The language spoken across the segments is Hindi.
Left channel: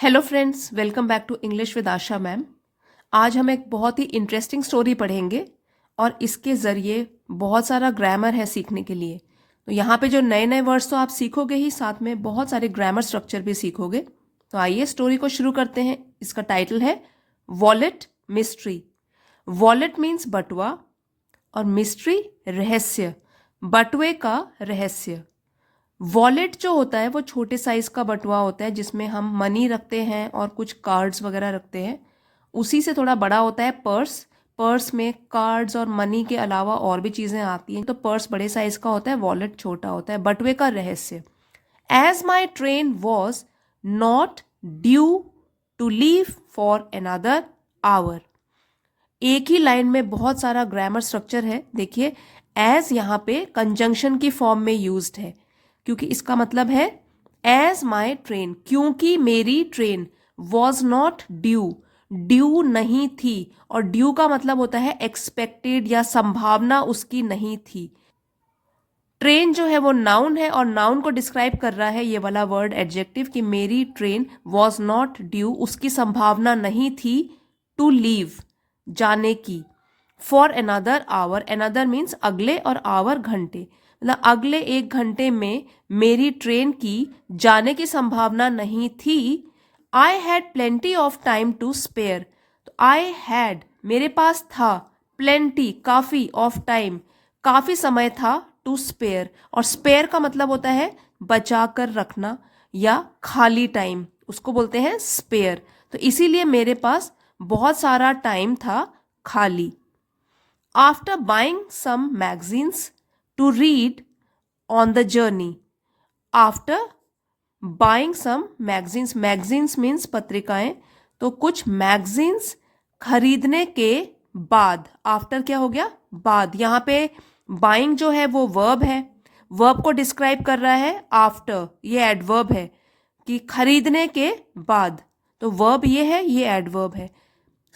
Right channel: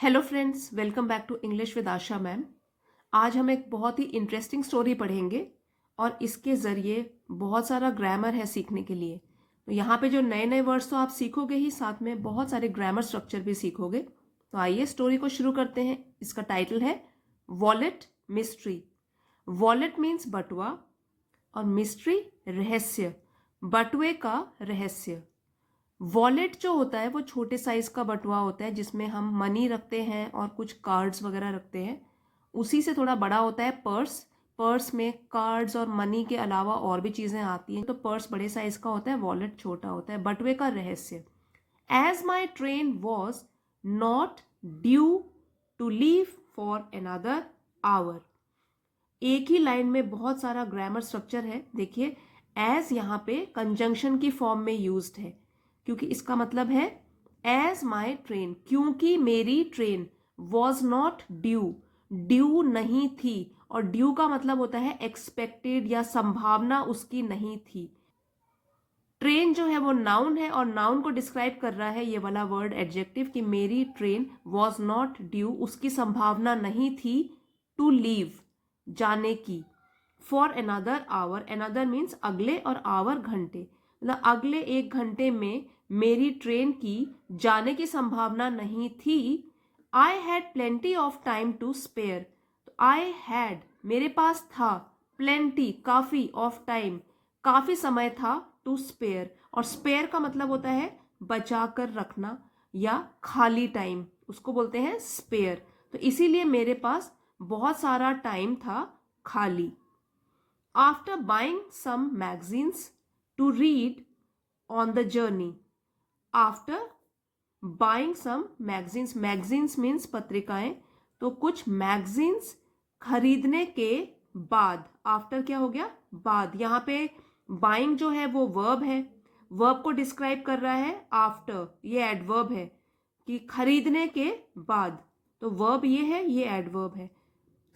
Hello friends, welcome back to English with Asha ma'am. आज हम एक बहुत ही इंटरेस्टिंग स्टोरी पढ़ेंगे और इसके ज़रिए बहुत सारा ग्रामर है सीखने के लिए। तो यहाँ पे जो नए नए वर्ड्स तो आप सीखोगे ही, साथ में बहुत सारे ग्रामर स्ट्रक्चर भी सीखोगे। तो आइए स्टोरी को शुरू करते हैं। इसका टाइटल है वॉलेट मिस्ट्री। वॉलेट मीन्स बटुआ और मिस्ट्री रहस्य, बटुए का रहस्य। वॉलेट जो होता है वो छोटे साइज का बटुआ होता है जिसमें हम मनी रखते हैं और कुछ कार्ड्स वगैरह रखते हैं। उसी से थोड़ा बड़ा होता है पर्स। पर्स में कार्ड्स और मनी के अलावा और भी चीज़ें आती हैं, तो पर्स बड़े साइज का होता है, वॉलेट छोटा होता है। बटुए का रहस्य। As my train was not due to leave for another hour. एक ही लाइन में बहुत सारा ग्रामर स्ट्रक्चर है। देखिए, एज यहाँ पे कंजंक्शन की फॉर्म में यूज्ड है, क्योंकि इसका मतलब है एज माई ट्रेन, क्योंकि मेरी train was not due, due नहीं थी। और ड्यू का मतलब होता है एक्सपेक्टेड या संभावना उसकी नहीं थी। ट्रेन जो है वो नाउन है और नाउन को डिस्क्राइब कर रहा है ये वाला वर्ड एडजेक्टिव कि मेरी ट्रेन वॉज नॉट ड्यू, उसकी संभावना नहीं थी, टू लीव, जाने की, for another our. Another means अगले और आवर घंटे, मतलब अगले एक घंटे में मेरी ट्रेन की जाने की संभावना नहीं थी। I had plenty of time to spare. तो आई हैड मेरे पास था, प्लेंटी काफ़ी, ऑफ टाइम काफ़ी समय था, टू स्पेयर। और स्पेयर का मतलब होता है बचा कर रखना या खाली टाइम, उसको बोलते हैं स्पेयर। तो इसीलिए मेरे पास बहुत सारा टाइम था खाली। After buying some magazines to read on the journey. After buying some magazines, magazines means पत्रिकाएं, तो कुछ मैगजीन्स खरीदने के बाद, आफ्टर क्या हो गया, बाद। यहाँ पे बाइंग जो है वो वर्ब है, वर्ब को डिस्क्राइब कर रहा है आफ्टर, ये एडवर्ब है कि खरीदने के बाद, तो वर्ब ये है, ये एडवर्ब है।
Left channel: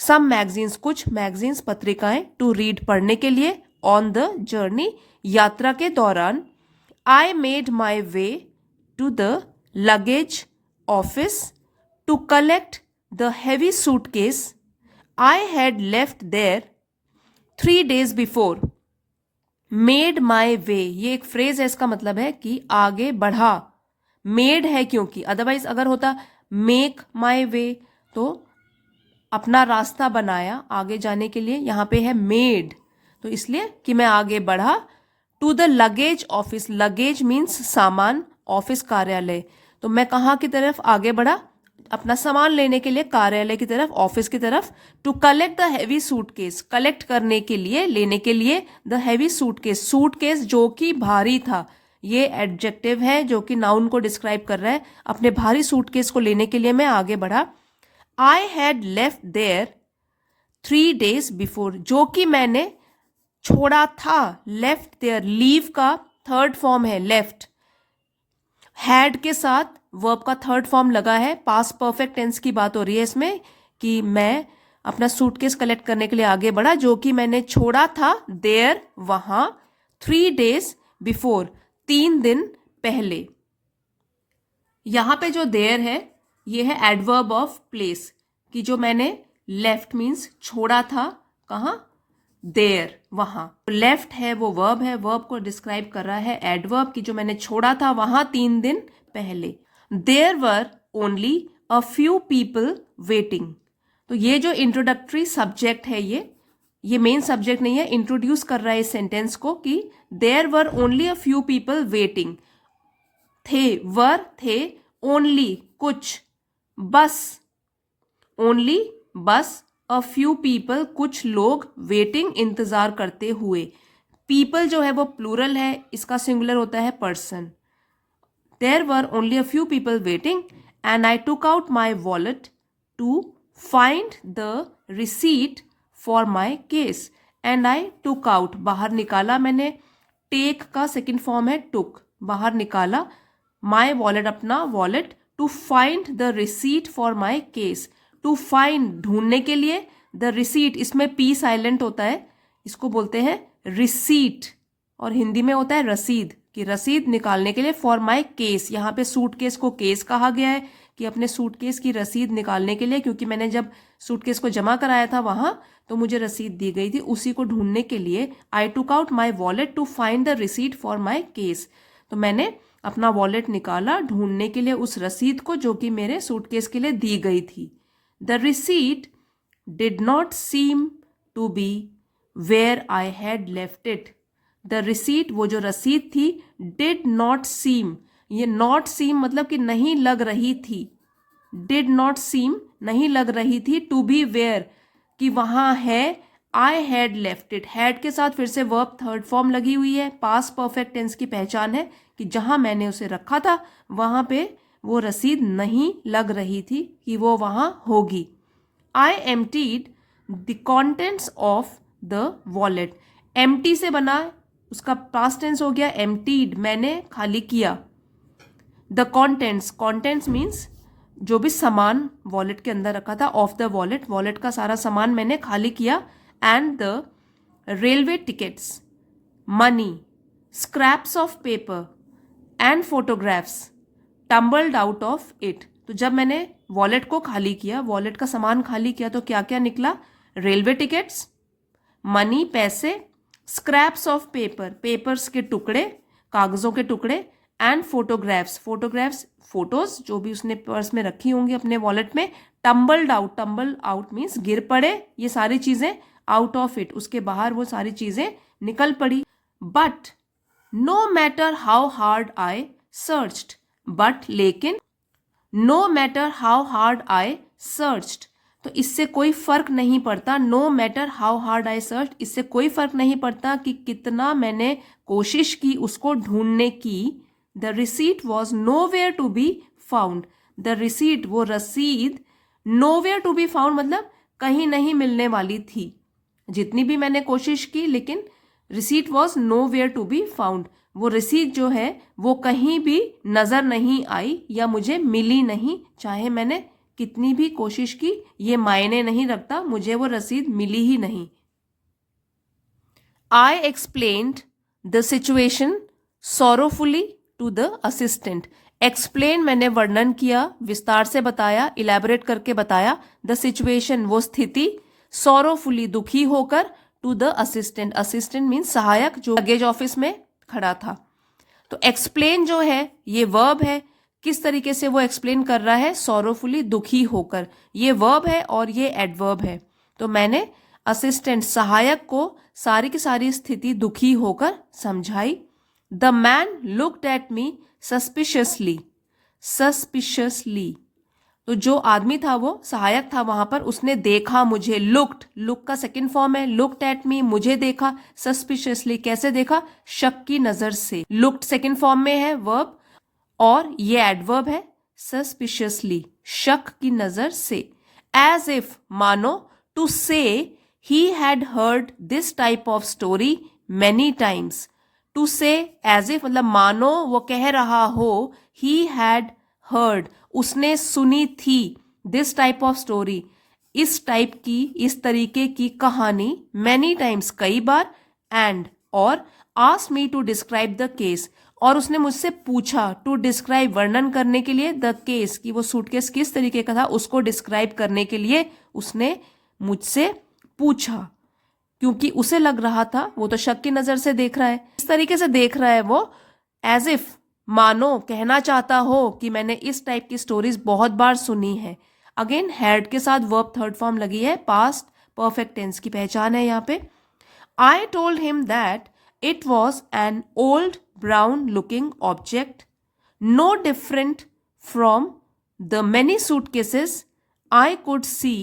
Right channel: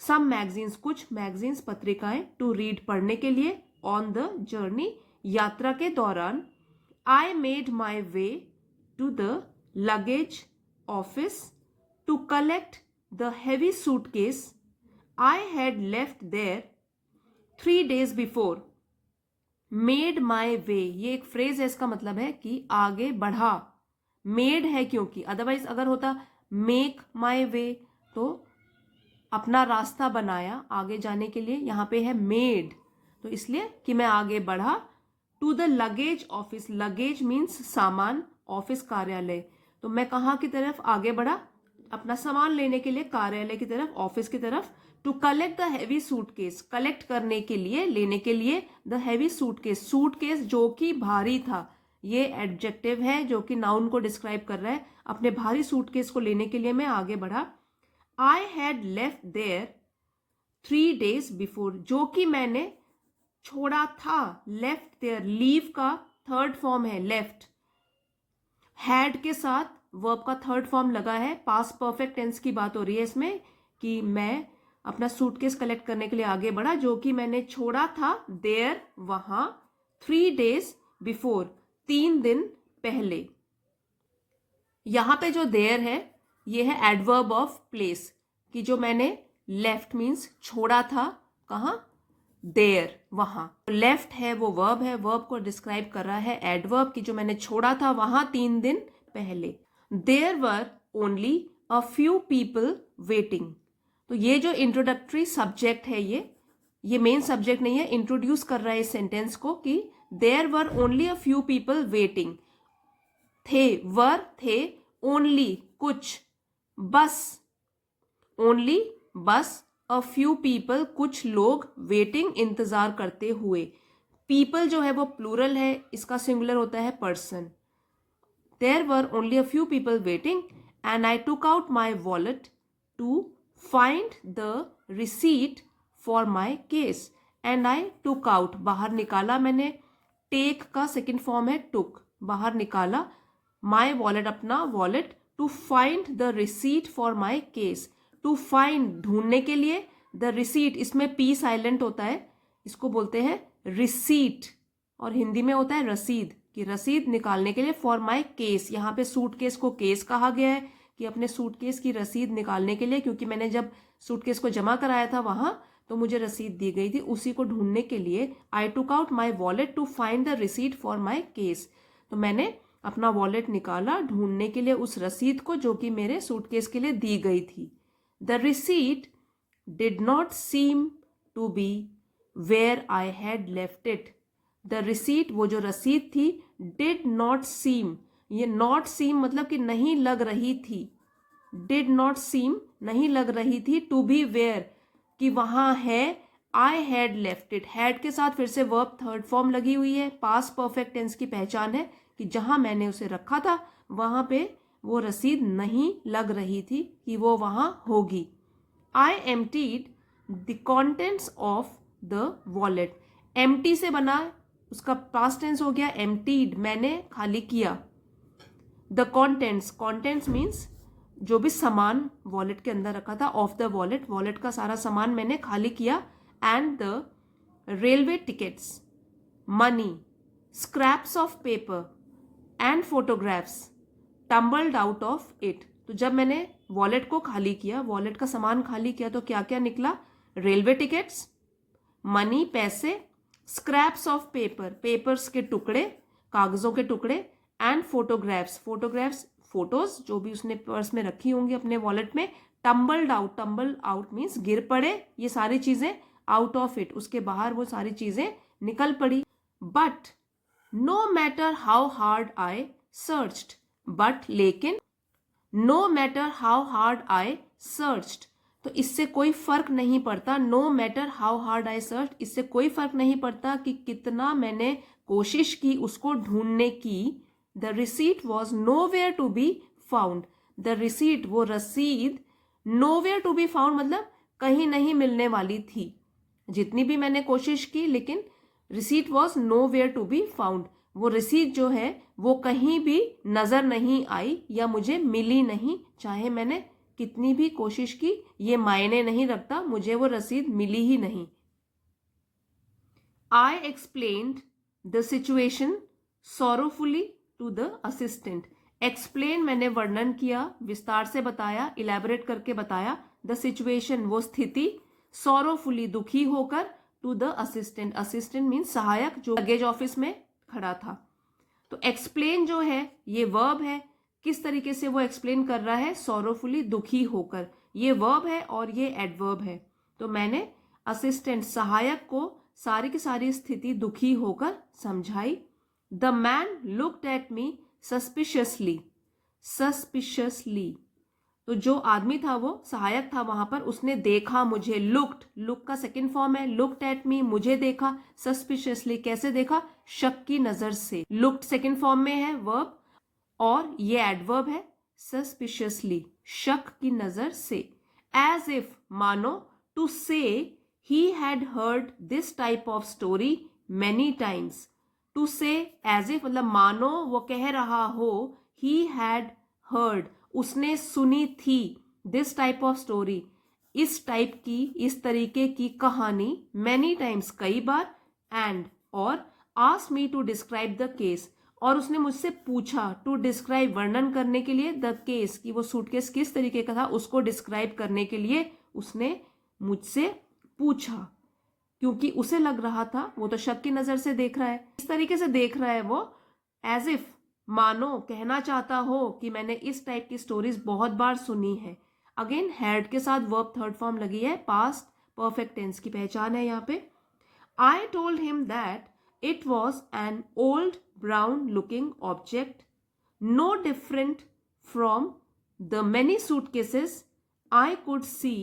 सम मैगजीन्स, कुछ मैगजीन्स पत्रिकाएं, टू रीड पढ़ने के लिए, ऑन द जर्नी यात्रा के दौरान। I made my way to the luggage office to collect the heavy suitcase I had left there 3 days before. Made my way, ये एक फ्रेज है, इसका मतलब है कि आगे बढ़ा। मेड है क्योंकि, अदरवाइज अगर होता मेक माई वे तो अपना रास्ता बनाया आगे जाने के लिए, यहाँ पे है मेड, तो इसलिए कि मैं आगे बढ़ा। To the luggage office, luggage means सामान, ऑफिस कार्यालय, तो मैं कहाँ की तरफ आगे बढ़ा, अपना सामान लेने के लिए कार्यालय की तरफ, ऑफिस की तरफ। To collect the heavy suitcase, collect करने के लिए, लेने के लिए, द हैवी सूटकेस, सूटकेस जो कि भारी था, ये एडजेक्टिव है जो कि नाउन को डिस्क्राइब कर रहा है। अपने भारी सूटकेस को लेने के लिए मैं आगे बढ़ा। I had left there 3 days before, जो कि मैंने छोड़ा था, लेफ्ट देयर, लीव का थर्ड फॉर्म है लेफ्ट, हैड के साथ वर्ब का थर्ड फॉर्म लगा है, पास्ट परफेक्ट टेंस की बात हो रही है इसमें कि मैं अपना सूटकेस कलेक्ट करने के लिए आगे बढ़ा, जो कि मैंने छोड़ा था, देयर, वहां, 3 days बिफोर, 3 दिन पहले। यहां पे जो देयर है ये है एडवर्ब ऑफ प्लेस, कि जो मैंने लेफ्ट मीन्स छोड़ा था, कहाँ, देयर, वहां। लेफ्ट है वो वर्ब है, वर्ब को डिस्क्राइब कर रहा है एडवर्ब, कि जो मैंने छोड़ा था वहां 3 दिन पहले। There were only a few people waiting. तो ये जो इंट्रोडक्टरी सब्जेक्ट है, ये मेन सब्जेक्ट नहीं है, इंट्रोड्यूस कर रहा है इस सेंटेंस को कि there were only a few people waiting. थे, वर थे, ओनली कुछ, बस, ओनली बस, अ फ्यू पीपल कुछ लोग, वेटिंग इंतजार करते हुए। पीपल जो है वो प्लूरल है, इसका सिंगुलर होता है person. There were only a few people waiting and I took out my wallet to find the receipt for my case. And I took out, बाहर निकाला मैंने, टेक का सेकेंड फॉर्म है टुक, बाहर निकाला, माई वॉलेट, अपना wallet, to find the receipt for my case, to find ढूंढने के लिए, द रिसीट, इसमें पी साइलेंट होता है, इसको बोलते हैं रिसीट, और हिंदी में होता है रसीद, कि रसीद निकालने के लिए, फॉर माई केस, यहाँ पे सूटकेस को केस कहा गया है, कि अपने सूटकेस की रसीद निकालने के लिए, क्योंकि मैंने जब सूटकेस को जमा कराया था वहाँ तो मुझे रसीद दी गई थी, उसी को ढूंढने के लिए I took out my wallet to find the receipt for my case. तो मैंने अपना वॉलेट निकाला ढूंढने के लिए उस रसीद को जो कि मेरे सूटकेस के लिए दी गई थी। The receipt did not seem to be where I had left it. The receipt, वो जो रसीद थी, डिड नॉट सीम, ये नॉट सीम मतलब कि नहीं लग रही थी, डिड नॉट सीम नहीं लग रही थी, टू बी वेयर कि वहाँ है, आई हैड लेफ्ट इट, हैड के साथ फिर से वर्ब थर्ड फॉर्म लगी हुई है, पास्ट परफेक्ट टेंस की पहचान है कि जहाँ मैंने उसे रखा था वहाँ पे वो रसीद नहीं लग रही थी कि वो वहाँ होगी। I emptied the contents of the wallet, empty से बना, उसका पास्ट टेंस हो गया एम्प्टीड, मैंने खाली किया। द कॉन्टेंट्स, कॉन्टेंट्स मीन्स जो भी सामान वॉलेट के अंदर रखा था, ऑफ द वॉलेट, वॉलेट का सारा सामान मैंने खाली किया। And the railway tickets, money, scraps of paper and photographs tumbled out of it. तो जब मैंने वॉलेट को खाली किया, वॉलेट का सामान खाली किया, तो क्या क्या निकला? रेलवे टिकट्स, मनी पैसे, स्क्रैप्स ऑफ पेपर पेपर्स के टुकड़े, कागजों के टुकड़े, एंड फोटोग्राफ्स फोटोग्राफ्स फोटोज जो भी उसने पर्स में रखी होंगी अपने वॉलेट में। टम्बल्ड आउट मीन्स गिर पड़े ये सारी चीजें, आउट ऑफ इट उसके बाहर वो सारी चीजें निकल पड़ी। But no matter how hard I searched, but लेकिन, no matter how hard I searched, तो इससे कोई फर्क नहीं पड़ता, no matter how hard I search, इससे कोई फर्क नहीं पड़ता कि कितना मैंने कोशिश की उसको ढूंढने की। The receipt was nowhere to be found, the receipt वो रसीद, nowhere to be found मतलब कहीं नहीं मिलने वाली थी, जितनी भी मैंने कोशिश की, लेकिन receipt was nowhere to be found, वो रसीद जो है वो कहीं भी नजर नहीं आई या मुझे मिली नहीं, चाहे मैंने कितनी भी कोशिश की ये मायने नहीं रखता, मुझे वो रसीद मिली ही नहीं। I explained the situation sorrowfully to the assistant, explain मैंने वर्णन किया, विस्तार से बताया, इलेबोरेट करके बताया, द सिचुएशन वो स्थिति, सॉरोफुली दुखी होकर, to the assistant, assistant means सहायक जो लगेज ऑफिस में खड़ा था। तो एक्सप्लेन जो है ये वर्ब है, किस तरीके से वो एक्सप्लेन कर रहा है? सॉरोफुली दुखी होकर, ये वर्ब है और ये एडवर्ब है। तो मैंने असिस्टेंट सहायक को सारी की सारी स्थिति दुखी होकर समझाई। The man looked at me suspiciously, suspiciously, तो जो आदमी था वो सहायक था वहां पर, उसने देखा मुझे, लुक्ड, लुक का सेकंड फॉर्म है, लुक्ड एट मी मुझे देखा, सस्पिशियसली कैसे देखा? शक की नजर से, लुक्ड सेकंड फॉर्म में है वर्ब और ये एडवर्ब है, सस्पिशियसली शक की नजर से। एज इफ मानो, to say he had heard this type of story many times, to say as if मतलब मानो वो कह रहा हो, ही हैड हर्ड उसने सुनी थी, दिस टाइप ऑफ स्टोरी इस टाइप की, इस तरीके की कहानी, मैनी टाइम्स कई बार, एंड और, asked me to describe the case और उसने मुझसे पूछा, टू डिस्क्राइब वर्णन करने के लिए, द केस की वो सूटकेस किस तरीके का था उसको डिस्क्राइब करने के लिए उसने मुझसे पूछा, क्योंकि उसे लग रहा था, वो तो शक की नजर से देख रहा है, इस तरीके से देख रहा है वो, एज इफ मानो कहना चाहता हो कि मैंने इस टाइप की स्टोरीज बहुत बार सुनी है। अगेन हैड के साथ वर्ब थर्ड फॉर्म लगी है, पास्ट परफेक्ट टेंस की पहचान है यहाँ पे। I told him that it was an old brown looking object, no different from the many suitcases I could see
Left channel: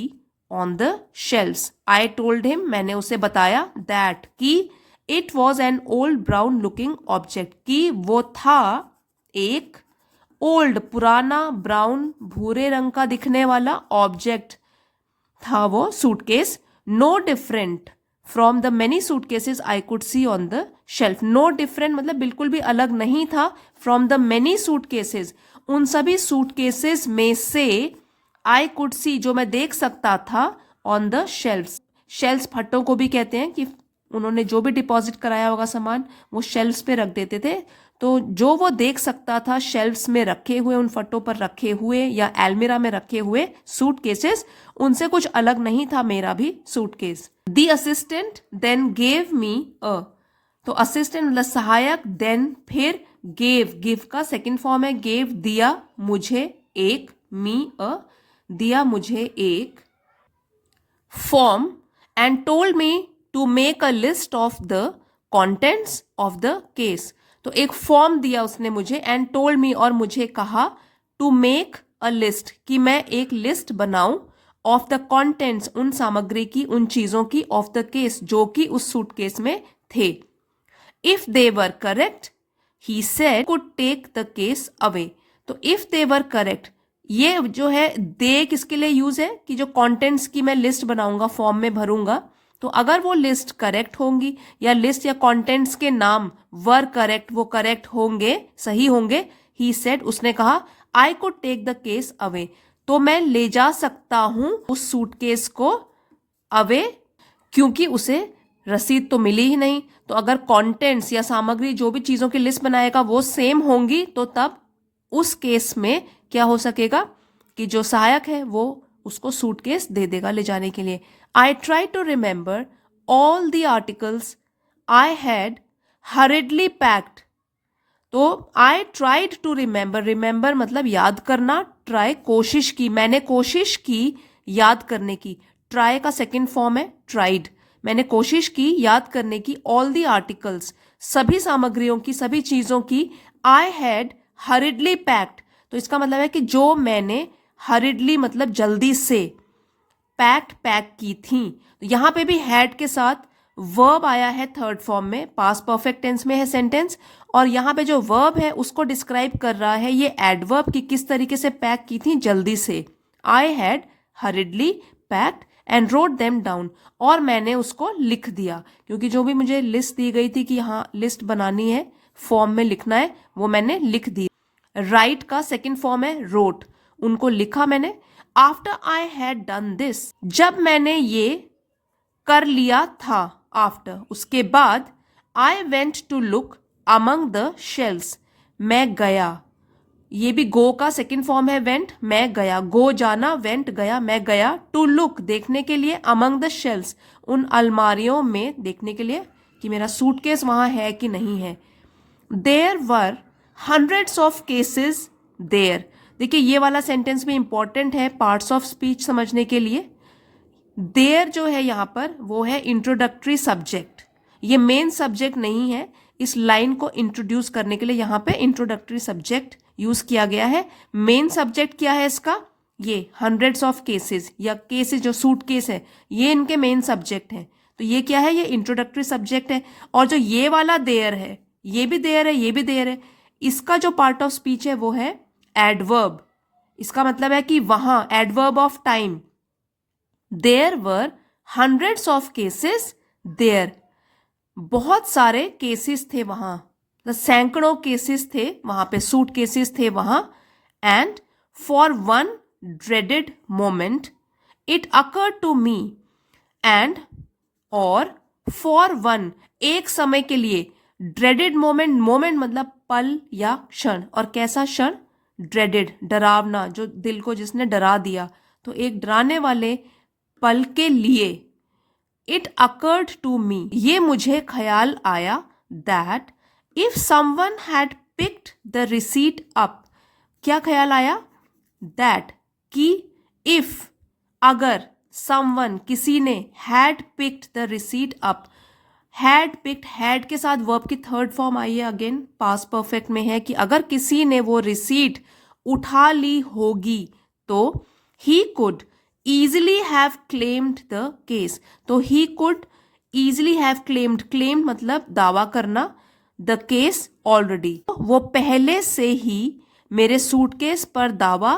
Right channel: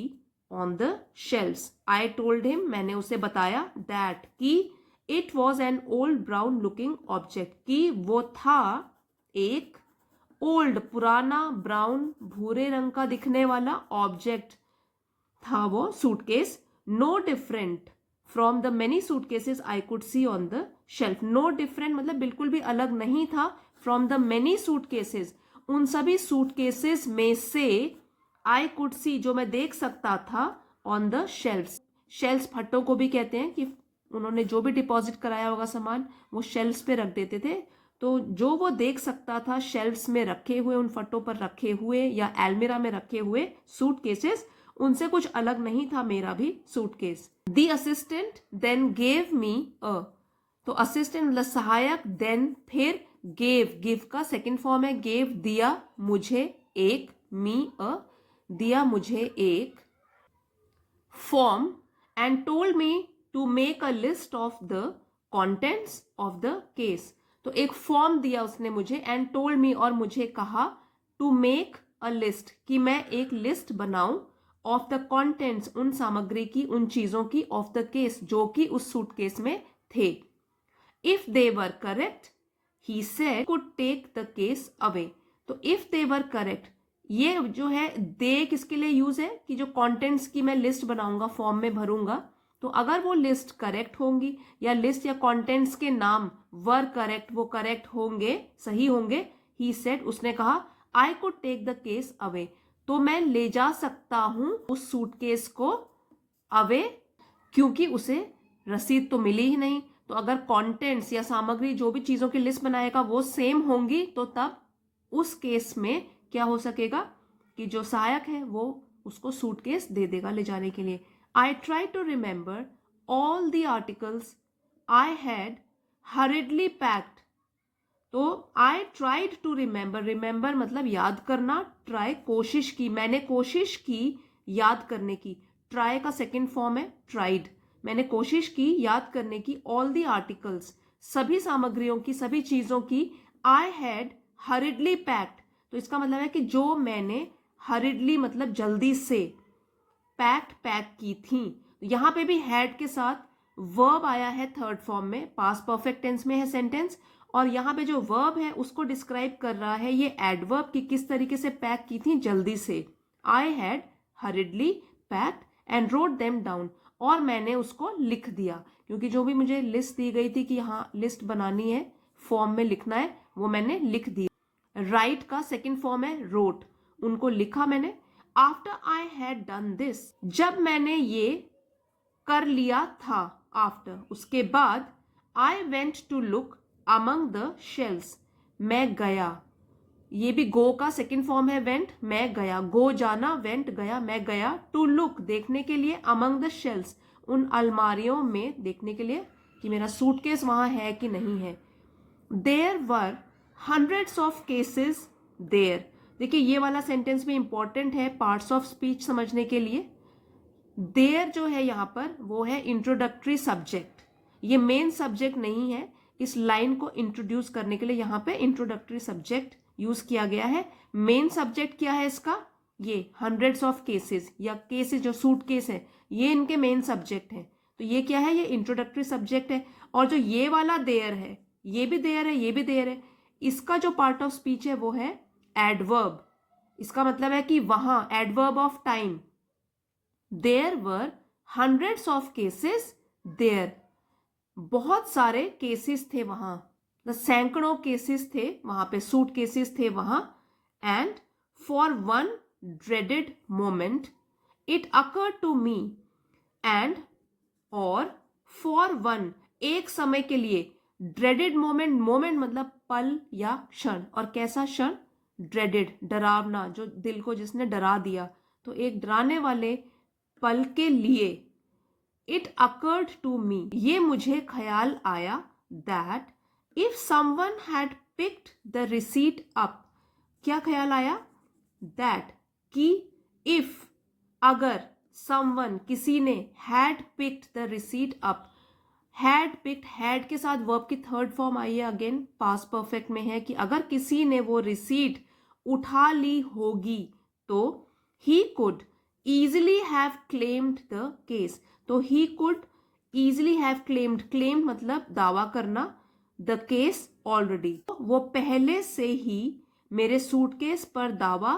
on the shelves. I told him मैंने उसे बताया, दैट की, it was an old brown looking object की वो था एक ओल्ड पुराना, ब्राउन भूरे रंग का दिखने वाला ऑब्जेक्ट था वो suitcase, no different from the many suitcases I could see on the shelf, no different मतलब बिल्कुल भी अलग नहीं था, फ्रॉम द मेनी सूटकेसेस उन सभी सूटकेसेस में से, आई कुड सी जो मैं देख सकता था, ऑन द शेल्फ्स, शेल्फ्स फट्टों को भी कहते हैं कि उन्होंने जो भी डिपॉजिट कराया होगा सामान वो शेल्फ्स पे रख देते थे, तो जो वो देख सकता था शेल्फ्स में रखे हुए, उन फटों पर रखे हुए या अलमीरा में रखे हुए सूटकेसेस, उनसे कुछ अलग नहीं था मेरा भी suitcase. The assistant then gave me a, तो असिस्टेंट मतलब सहायक, देन फिर, गिव का सेकंड फॉर्म है गेव, दिया मुझे एक, मी अ, दिया मुझे एक form, and told me to make a list of the contents of the case. तो एक फॉर्म दिया उसने मुझे, एंड टोल्ड मी और मुझे कहा, टू मेक अ लिस्ट कि मैं एक लिस्ट बनाऊं, ऑफ द कॉन्टेंट्स उन सामग्री की, उन चीजों की, ऑफ द केस जो कि उस सूटकेस में थे। If they were correct he said could take the case away. तो इफ दे वर करेक्ट, ये जो है दे किसके लिए यूज है कि जो कंटेंट्स की मैं लिस्ट बनाऊंगा, फॉर्म में भरूंगा, तो अगर वो लिस्ट करेक्ट होंगी या लिस्ट या कंटेंट्स के नाम वर करेक्ट, वो करेक्ट होंगे, सही होंगे, ही सेड उसने कहा, I could take the case away, तो मैं ले जा सकता हूं उस सूटकेस को अवे, क्योंकि उसे रसीद तो मिली ही नहीं। तो अगर कंटेंट्स या सामग्री जो भी चीजों की लिस्ट बनाएगा वो सेम होंगी, तो तब उस केस में क्या हो सकेगा कि जो सहायक है वो उसको सूटकेस दे देगा ले जाने के लिए। I try to remember all the articles I had hurriedly packed. तो I tried to remember, remember मतलब याद करना, ट्राई कोशिश की, मैंने कोशिश की याद करने की, ट्राई का सेकंड फॉर्म है ट्राइड, मैंने कोशिश की याद करने की, ऑल द आर्टिकल्स सभी सामग्रियों की, सभी चीजों की, आई हैड हरिडली पैक्ड, तो इसका मतलब है कि जो मैंने हरिडली मतलब जल्दी से, पैक की थी। तो यहां पे भी हैड के साथ वर्ब आया है थर्ड फॉर्म में, पास्ट परफेक्ट टेंस में है सेंटेंस, और यहां पे जो वर्ब है उसको डिस्क्राइब कर रहा है ये एडवर्ब कि किस तरीके से पैक की थी, जल्दी से। आई had hurriedly packed and wrote them down, और मैंने उसको लिख दिया, क्योंकि जो भी मुझे लिस्ट दी गई थी कि हाँ लिस्ट बनानी है, फॉर्म में लिखना है, वो मैंने लिख दी। राइट का सेकंड फॉर्म है रोट, उनको लिखा मैंने। After I had done this, जब मैंने ये कर लिया था, आफ्टर उसके बाद, I went to look among the shelves, मैं गया, ये भी गो का सेकंड फॉर्म है वेंट, मैं गया, गो जाना, वेंट गया, मैं गया, टू लुक देखने के लिए, अमंग द शेल्स उन अलमारियों में देखने के लिए कि मेरा सूटकेस वहां है कि नहीं है। There were hundreds of cases there, देखिए ये वाला सेंटेंस भी इंपॉर्टेंट है पार्ट्स ऑफ स्पीच समझने के लिए। देयर जो है यहाँ पर वो है इंट्रोडक्टरी सब्जेक्ट, ये मेन सब्जेक्ट नहीं है, इस लाइन को इंट्रोड्यूस करने के लिए यहाँ पे इंट्रोडक्टरी सब्जेक्ट यूज किया गया है। मेन सब्जेक्ट क्या है इसका, ये हंड्रेड्स ऑफ केसेस या केसेस जो सूट केस है ये इनके मेन सब्जेक्ट है, तो ये क्या है, ये इंट्रोडक्टरी सब्जेक्ट है। और जो ये वाला देयर है, ये भी देयर है, ये भी देयर है, इसका जो पार्ट ऑफ स्पीच है वो है एडवर्ब, इसका मतलब है कि वहां, adverb of time, there were hundreds of cases there, बहुत सारे केसेस थे वहां, सैकड़ों केसेस थे वहां पे, सूट केसेस थे वहां। And for one dreaded moment it occur to me, and और फॉर वन एक समय के लिए, ड्रेडेड मोमेंट, मोमेंट मतलब पल या क्षण, और कैसा क्षण, ड्रेडेड डरावना, जो दिल को जिसने डरा दिया, तो एक डराने वाले पल के लिए, इट अकर्ड टू मी ये मुझे ख्याल आया, that if someone had picked the receipt up, क्या ख्याल आया, दैट कि इफ अगर, समवन किसी ने, had picked the receipt up, had picked, had के साथ वर्ब की थर्ड फॉर्म आई है, अगेन पास्ट परफेक्ट में है कि अगर किसी ने वो रिसीट उठा ली होगी, तो he could easily have claimed the case, तो he could easily have claimed, claimed मतलब दावा करना, the case already, वो पहले से ही मेरे सूटकेस पर दावा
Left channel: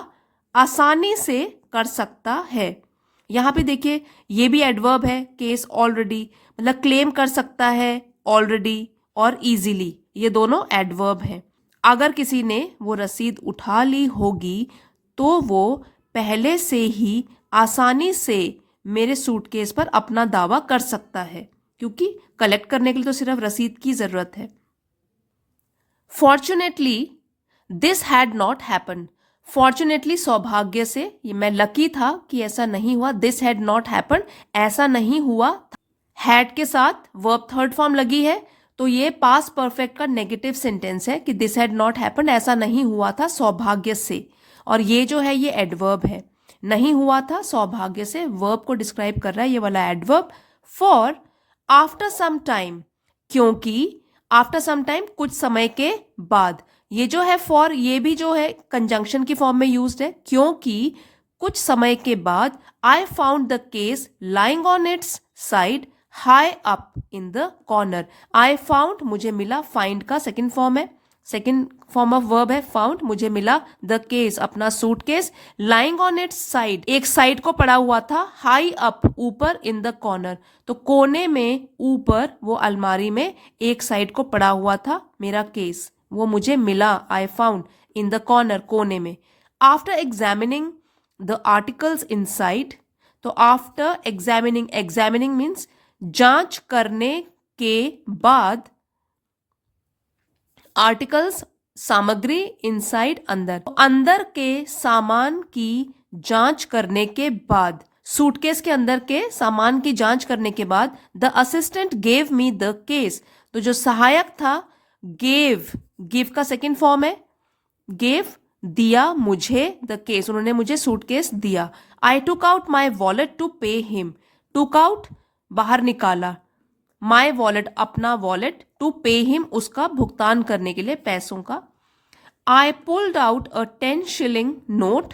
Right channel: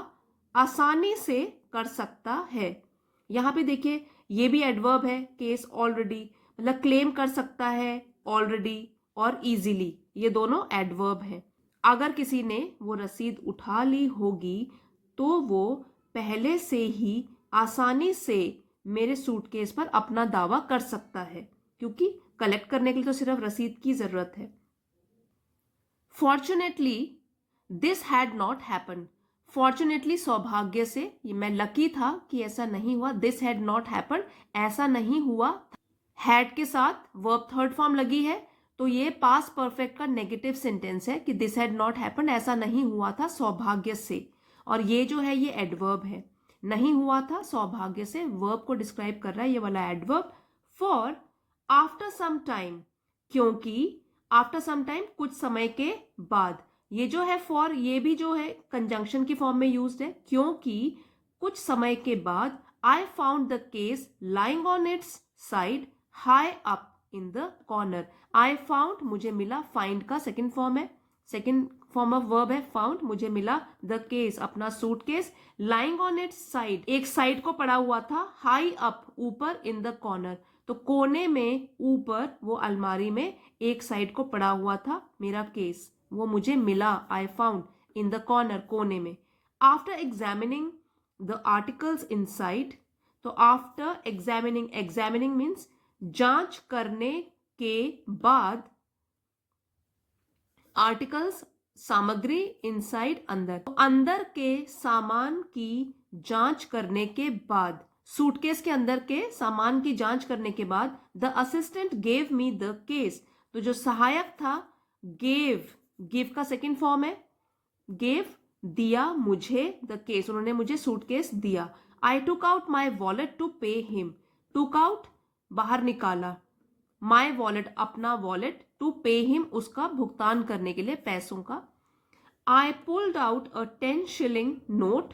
आसानी से कर सकता है। यहाँ पे देखिए ये भी एडवर्ब है, केस ऑलरेडी मतलब क्लेम कर सकता है, ऑलरेडी और इजीली, ये दोनों एडवर्ब हैं। अगर किसी ने वो रसीद उठा ली होगी तो वो पहले से ही आसानी से मेरे सूटकेस पर अपना दावा कर सकता है, क्योंकि कलेक्ट करने के लिए तो सिर्फ रसीद की जरूरत है। Fortunately this had not happen. Fortunately सौभाग्य से, ये मैं लकी था कि ऐसा नहीं हुआ। दिस हैड नॉट हैपन, ऐसा नहीं हुआ। हैड के साथ वर्ब थर्ड फॉर्म लगी है, तो ये पास्ट परफेक्ट का नेगेटिव सेंटेंस है कि दिस हैड नॉट हैपन, ऐसा नहीं हुआ था सौभाग्य से। और ये जो है ये एडवर्ब है, नहीं हुआ था सौभाग्य से, वर्ब को डिस्क्राइब कर रहा है ये वाला adverb. For after some time, क्योंकि आफ्टर सम टाइम कुछ समय के बाद। ये जो है फॉर, ये भी जो है कंजंक्शन की फॉर्म में यूज्ड है, क्योंकि कुछ समय के बाद I found the case lying on it's side high up in the corner. I found, मुझे मिला, फाइंड का सेकेंड फॉर्म है, सेकेंड फॉर्म ऑफ वर्ब है फाउंड, मुझे मिला, द केस अपना suitcase, lying on it's side एक साइड को पड़ा हुआ था, हाई अप ऊपर, इन द कॉर्नर तो कोने में, ऊपर वो अलमारी में एक साइड को पड़ा हुआ था मेरा केस, वो मुझे मिला, I found in the corner कोने में। After examining the articles inside, तो आफ्टर एग्जामिनिंग, एग्जामिनिंग मीन्स जांच करने के बाद, आर्टिकल्स सामग्री, इनसाइड अंदर, अंदर के सामान की जांच करने के बाद, सूटकेस के अंदर के सामान की जांच करने के बाद, the assistant gave me the case, तो जो सहायक था, गेव, गिव का सेकेंड फॉर्म है, गेव दिया मुझे, द केस उन्होंने मुझे सूटकेस दिया। I took out my wallet to pay him, took out बाहर निकाला, माई वॉलेट अपना वॉलेट, टू पे हिम उसका भुगतान करने के लिए पैसों का। I pulled out a 10 shilling note,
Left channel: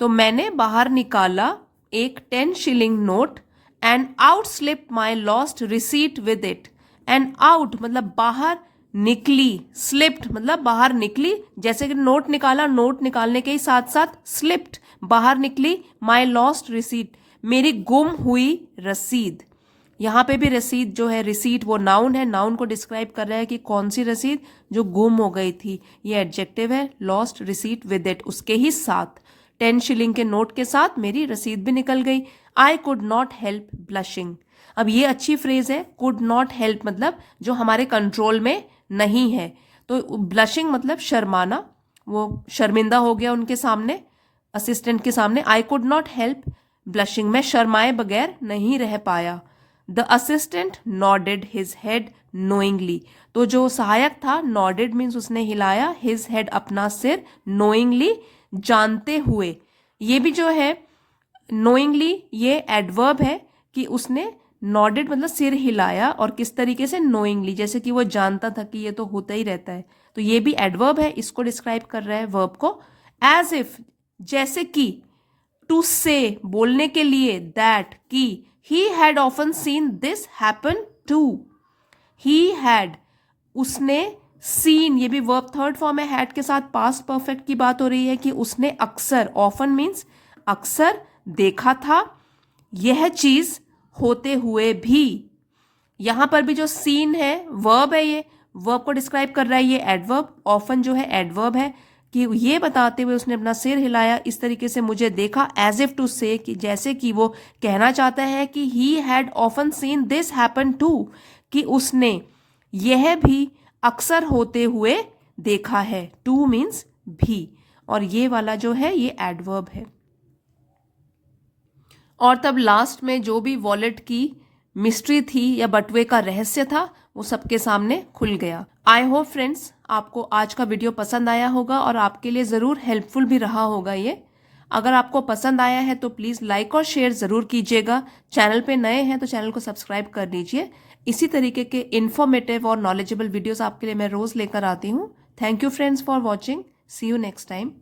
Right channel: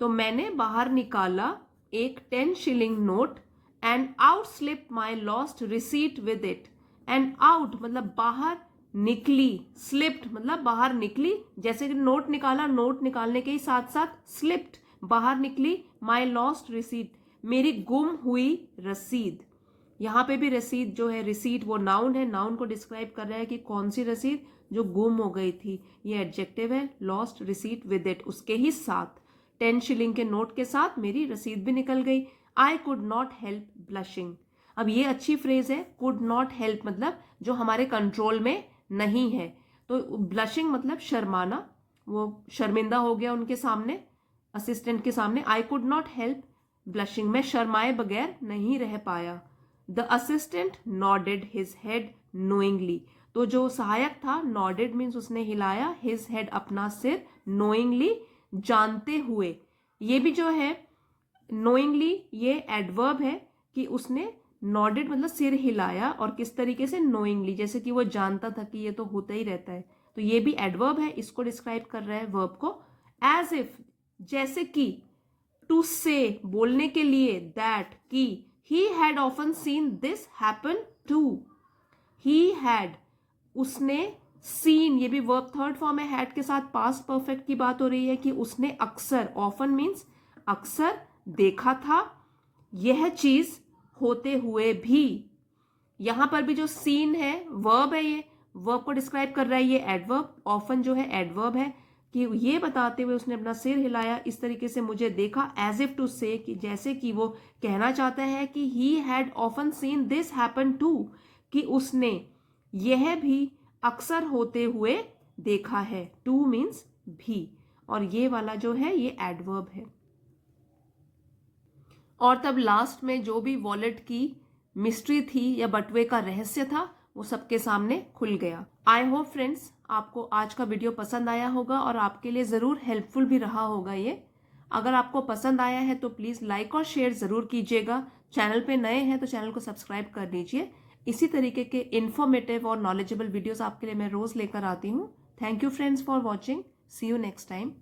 तो मैंने बाहर निकाला एक 10 shilling note, and out slip my lost receipt with it, and out मतलब बाहर निकली, स्लिप्ड मतलब बाहर निकली, जैसे कि नोट निकाला, नोट निकालने के ही साथ साथ स्लिप्ड बाहर निकली, माई लॉस्ट रिसीट मेरी गुम हुई रसीद। यहाँ पे भी रसीद जो है, रिसीट वो नाउन है, नाउन को डिस्क्राइब कर रहा है कि कौन सी रसीद जो गुम हो गई थी। ये एडजेक्टिव है, लॉस्ट रिसीट विद इट, उसके ही साथ 10 शिलिंग के नोट के साथ मेरी रसीद भी निकल गई। I could not help blushing, अब ये अच्छी फ्रेज है, कुड नॉट हेल्प मतलब जो हमारे कंट्रोल में नहीं है, तो ब्लशिंग मतलब शर्माना, वो शर्मिंदा हो गया उनके सामने, असिस्टेंट के सामने। I could not help blushing, मैं शर्माए बगैर नहीं रह पाया। The assistant nodded his head knowingly, तो जो सहायक था, नॉडेड मीन्स उसने हिलाया, हिज हेड अपना सिर, नोइंगली जानते हुए। ये भी जो है नोइंगली ये एडवर्ब है कि उसने नॉडेड मतलब सिर हिलाया, और किस तरीके से, नोइंगली, जैसे कि वो जानता था कि ये तो होता ही रहता है, तो ये भी एडवर्ब है, इसको डिस्क्राइब कर रहा है वर्ब को। एज इफ जैसे कि, टू से बोलने के लिए, दैट की, he had often seen this happen too, he had उसने, seen ये भी वर्ब थर्ड फॉर्म है, had के साथ पास्ट परफेक्ट की बात हो रही है कि उसने अक्सर, often मीन्स अक्सर, देखा था यह चीज होते हुए भी। यहां पर भी जो सीन है वर्ब है, ये वर्ब को डिस्क्राइब कर रहा है, ये एडवर्ब, ऑफन जो है एडवर्ब है, कि ये बताते हुए उसने अपना सिर हिलाया, इस तरीके से मुझे देखा, एज इफ टू से, कि जैसे कि वो कहना चाहता है कि he had often seen this happen to, कि उसने यह भी अक्सर होते हुए देखा है, टू मीन्स भी, और ये वाला जो है ये एडवर्ब है। और तब लास्ट में जो भी वॉलेट की मिस्ट्री थी या बटुए का रहस्य था वो सबके सामने खुल गया। आई होप फ्रेंड्स आपको आज का वीडियो पसंद आया होगा और आपके लिए ज़रूर हेल्पफुल भी रहा होगा ये। अगर आपको पसंद आया है तो प्लीज़ लाइक और शेयर ज़रूर कीजिएगा। चैनल पे नए हैं तो चैनल को सब्सक्राइब कर लीजिए। इसी तरीके के इन्फॉर्मेटिव और नॉलेजेबल वीडियोस आपके लिए मैं रोज़ लेकर आती हूँ। Thank you friends for watching. See you next time.